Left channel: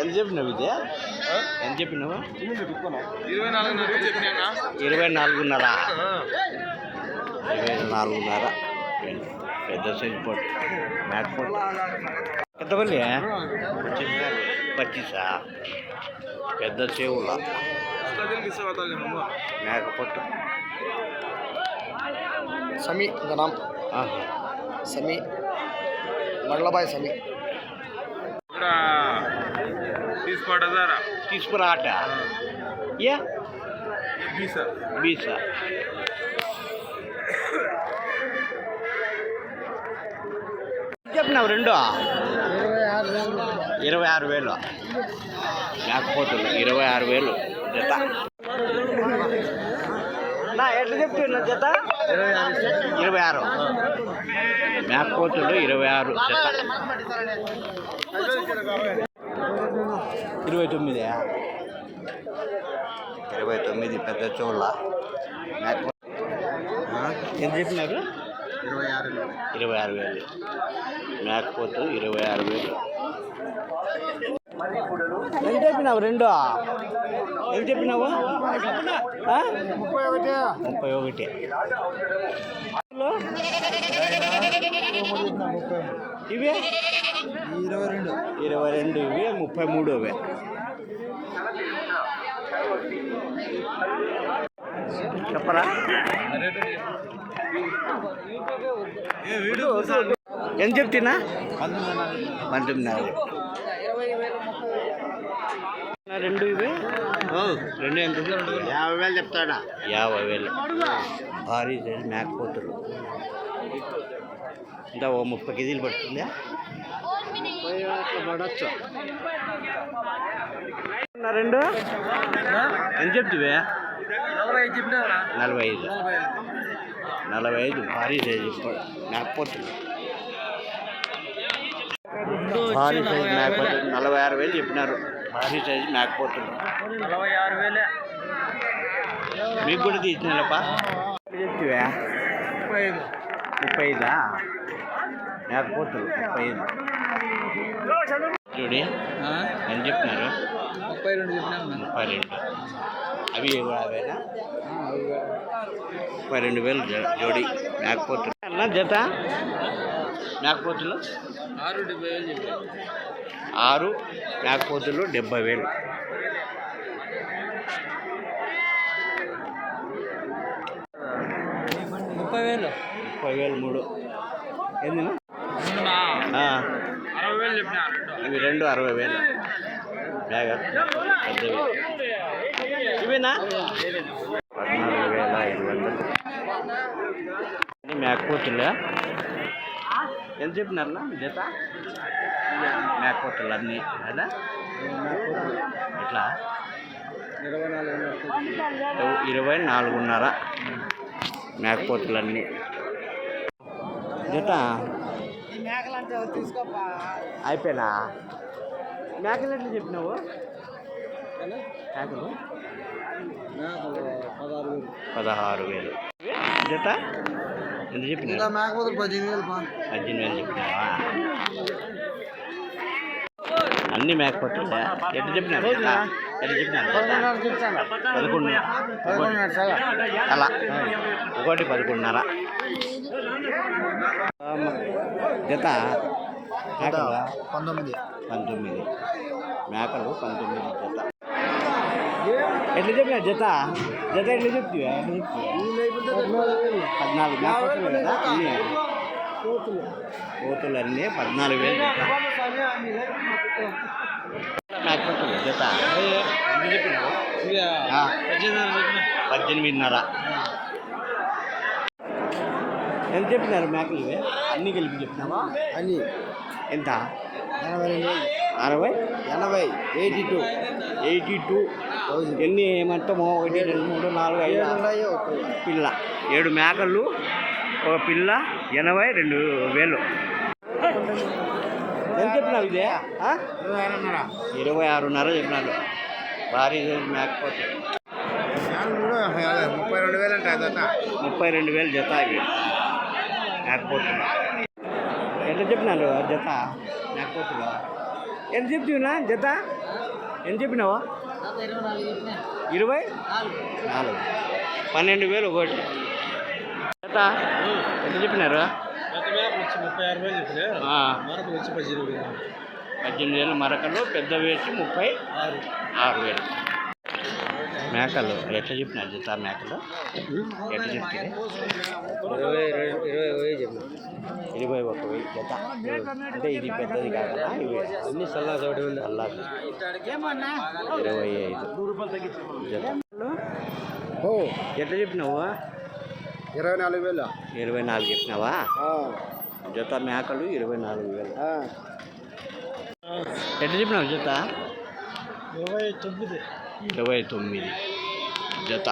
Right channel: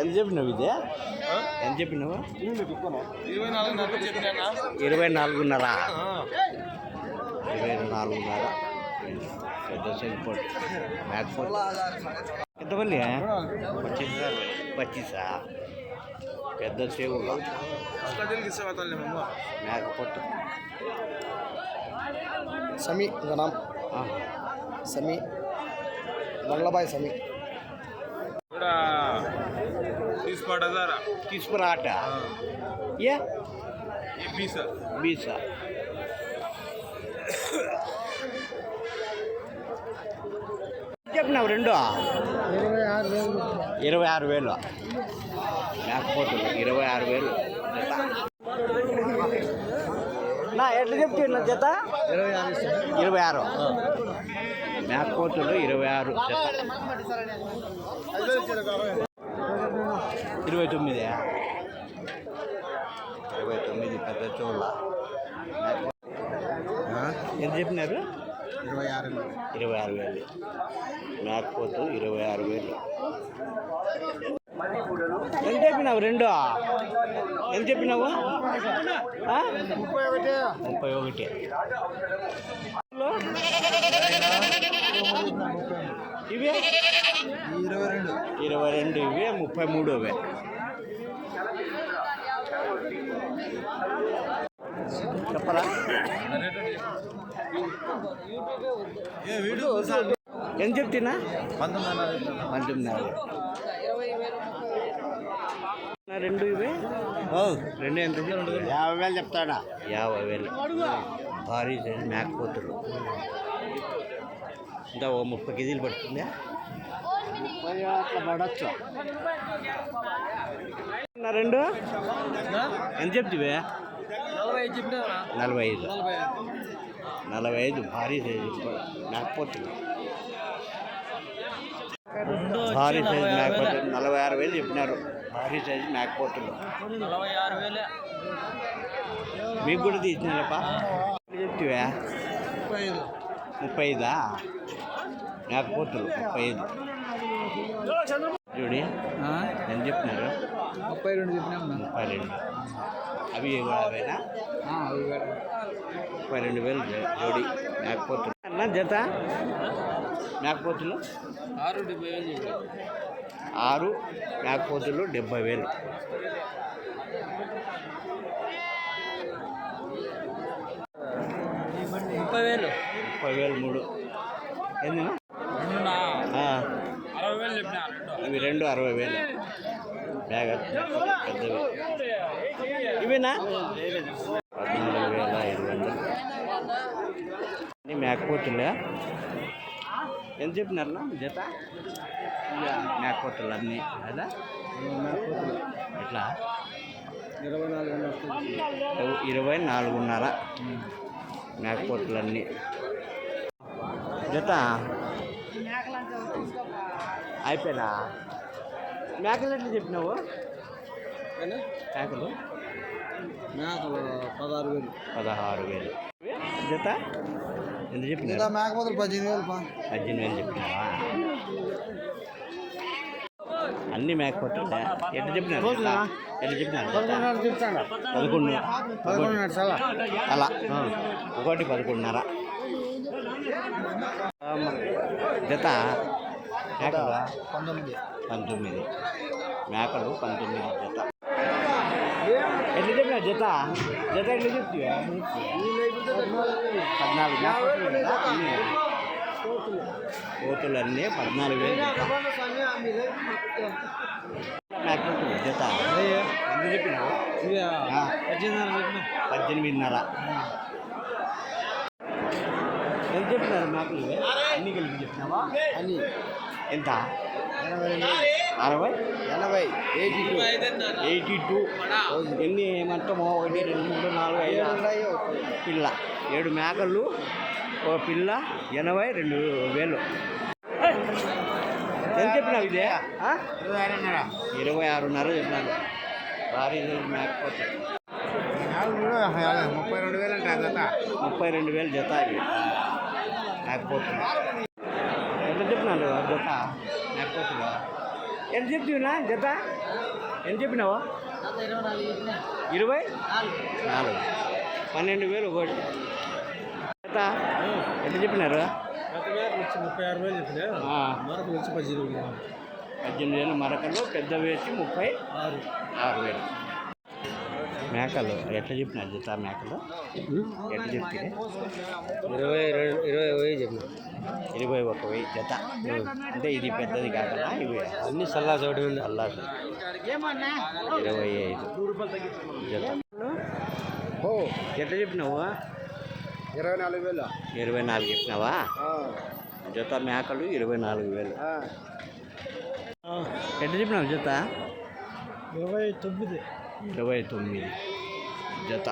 ఎంత చెప్పినావు ఇదే? ఎంత చెప్పినావు? ఇరవై నాలుగున్నర. ఇరవై నాలుగున్నర. ఇరవై నాలుగున్నర పెద్ద సైజ్ పొట్టు మ్యాట్ పొట్టు ఎంతమంది పచ్చిసా? పెద్ద చెవుల? మేక పొట్టు. సమీ ఇంకా. సమీ. బండ్లబాయ్ సమీ. కూడా తీసుకోవడం తీసుకురా ఆట ఏ బీసా బీసా చెప్పినావు రెండు? ఇరవై ఆరు వేలు. మేకపోతులు ఇరవై ఆరు వేలు. జత. నా ఎట్లా చెప్తున్నా జత? ఇరవై ఆరు. మేకపోతులు ఇరవై ఆరు జత. ఇరవై తొమ్మిది. ఇరవై తొమ్మిది పెద్ద చోళ్ళ. ఎంత చెప్పినారు? ఇరవై ఆరు ఇరవై ఆరు వేలు మేకపోతు ఇరవై ఆరు వేలు. ఎంత చెప్పినావు? రెండు? ఎంత చెప్పినావు? ముప్పై ఒకటి. ముప్పై ఒకటి ఇవే? ఇరవై రెండు. ఇరవై రెండు ఇవే ముప్పై మూడు ఇవే చెప్పరా? ఎంత చెప్తున్నా? పంతొమ్మిదిన్నర నా రెండు ఇవే. రెండు ఎంత? యాభై వేలు చెప్తాడా? యాభై వేలు. భారీ సైజు మేకపోతులు ఇంకా ఓ ముప్పై కేజీలు పడుతుందా? పడచ్చు నా రెండు. ఎంత చెప్తువే? నలభై ఐదు నలభై ఐదు. భారీ సైజు మేకపోతులు భారీ సైజు మేకపోతులు నలభై ఆరు వేలు చెప్పినారు. భారీ సైజు మేకపోతులు నలభై ఆరు వేలే. మీకు కూడా తీసినారప్పా? చెప్తివా ముప్పై ఐదు. ముప్పై ఐదా? మేకపోతులు ముప్పై ఐదు. చూడి ఎంత చెప్తున్నారు ముప్పై రెండు చెప్పినా ముప్పై రెండు. అవి కూడా అవేనా? ముప్పై రెండు వేలు జో- జోడి మేకపోతులు అన్న జత? మేకపోతులు ఆరు డెబ్బై వేలు ఆరు మేకపోతులు డెబ్బై వేలు. ముప్పై వేలు? ముప్పై వేలు మూడు. ఏందినా? ఇవి రెండు అరవై వేలు. పెద్దవి ఇవేనా? పద్నాలుగు వేల ఐదు వందలు. మేకపోతులే? ఎంత చెప్పినారన్నా? మీ జత? మేకపోతులు అన్నీ అదా? ఎట్లా ఇరవై నాలుగు ఇరవై నాలుగున్నర మేకపోతులన్నీ. జత? అయిపోయినా? మేకలు ఎట్లా చెప్పినావు? మేకలు పదహారు వేలు. పదహారు వేలు. జత? ఎంత చెప్పినారు? మేకపోతులు పద్దెనిమిది వేలు పా. పద్దెనిమిది వేలు చెప్పినావా? అన్ని మేకపోతులు ఎట్లా చెప్పినారు? ఎట్లా? చెప్పినారు? పదకొండు. ఒకటి. అలా. ఒకటి పదకొండున్నర. జత మేకలు పంతొమ్మిది. పంతొమ్మిది. మేకలు పంతొమ్మిది జత. ఎట్లా చెప్పినా జత? జత ఎట్లా చెప్తావా? పద్నాలుగు మేకపోతులు కదా? అన్నీ కోతులు అన్నీ పద్నాలుగు వేలు జత మేకపోతులు జత. పద్దెనిమిదిన్నర. ఎంత చెప్పినారు మేకలు? అన్నీ కలిపి చెప్పినావా అని ఎంత? అరవై? ఎనభై. Eighty two. Eighty two. ఎన్ని మొత్తం ఒకటి రెండు మూడు నాలుగు ఐదు ఆరు. పిల్ల. ఏడు మేకలు ఒక పిల్ల ఎనభై రెండు వేలు. ఎంత చెప్పినావు ఇదే? ఇరవై ఆరున్నర చెప్పినారు. భారీ మేకపోతే. ముప్పై రెండు వేలు అంటే ముప్పై రెండు వేలు జత ఇవి. మేకపోతున్నా ఎంత చెప్పినారు జత? మేకపోతున్నా ఎంత చెప్తున్నా జత? ఎంత చెప్పినావా? ఇరవై నాలుగు పన్నెండు వేలు ఒకటి. జత ఎంత చెప్పినారు. పద్దెనిమిది వేలు మరకలు పెద్ద వేసి ముప్పై ఆరు. ఆరు వేలు. మేకలు ఎట్లా చెప్పినారు జత మేకలు? ఎట్లా చెప్తుంది ఇరవై ఇరవై ఇరవై వేలు చెప్పిన ఇరవై ఒక వెయ్యి జత. అంటే ఇది పెద్దది కాకుండా ఇవి అన్ని సల్లా చోటు మీద అల్లాది ఇరవై ఐదు జత. ఓ. ఎట్లా చెప్పినావు? ఇరవై నాలుగు వేలు. ఇరవై నాలుగు చెప్పినావా? ఆ, జత మేకలు ఇరవై నాలుగు వేలు. ఆ. ఎట్లా చెప్పినావు జత? ఇరవై తొమ్మిది. ఇరవై తొమ్మిది జత.